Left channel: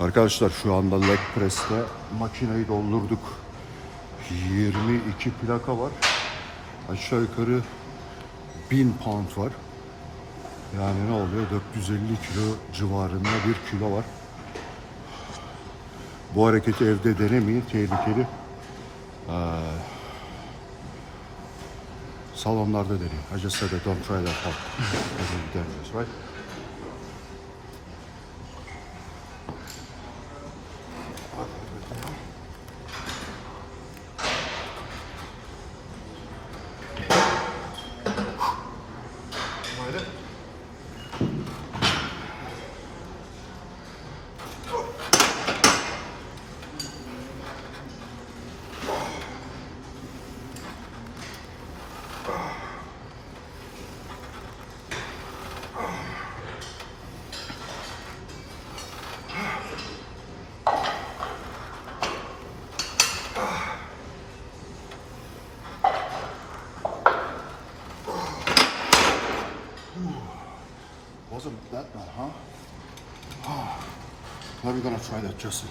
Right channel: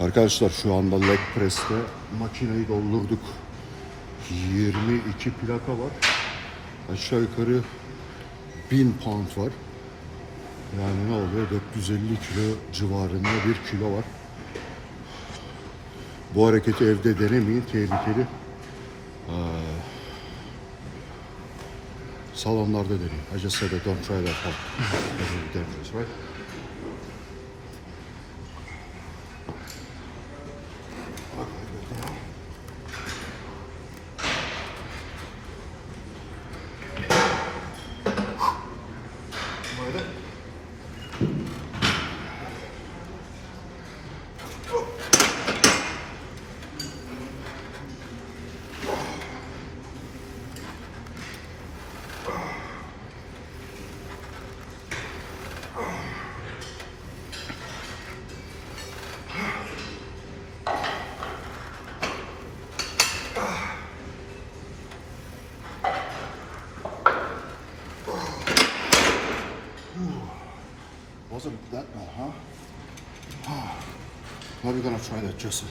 Arkadaşlar şu anda leg press'te makineyi doldurduk. 22 plaka var. Aşağı yukarı 1000 pound var. Yani ne oluyor? 450 kilo civarında bir kilo var. Bu hareketi evde denemeyin. Tehlikeli. Ee, salonlarda deneyin. I just said that don't try that hard. 먹어야 Oh. Wasn't that bad, huh? Now we're gonna try that, Justin.